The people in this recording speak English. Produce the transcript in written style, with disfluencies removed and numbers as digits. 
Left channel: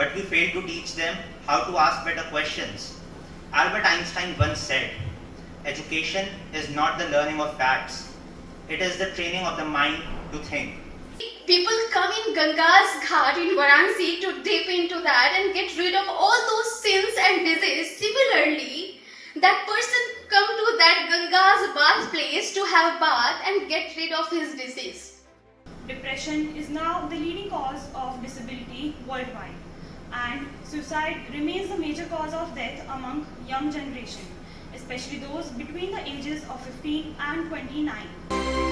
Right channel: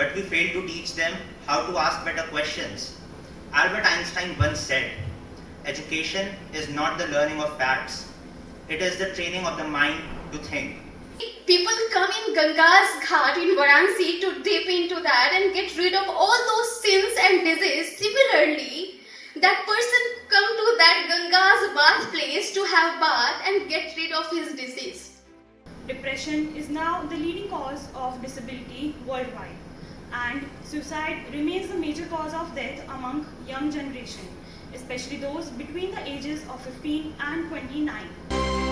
but we fail to teach them how to ask better questions. Albert Einstein once said, "Education is not the learning of facts, it is the training of the mind to think." People come in Ganga's Ghat in Varanasi to dip into that and get rid of all those sins and disease. Similarly, that person come to that Ganga's bath place to have bath and get rid of his disease. Depression is now the leading cause of disability worldwide, and suicide remains the major cause of death among young generation, especially those between the ages of 15 and 29.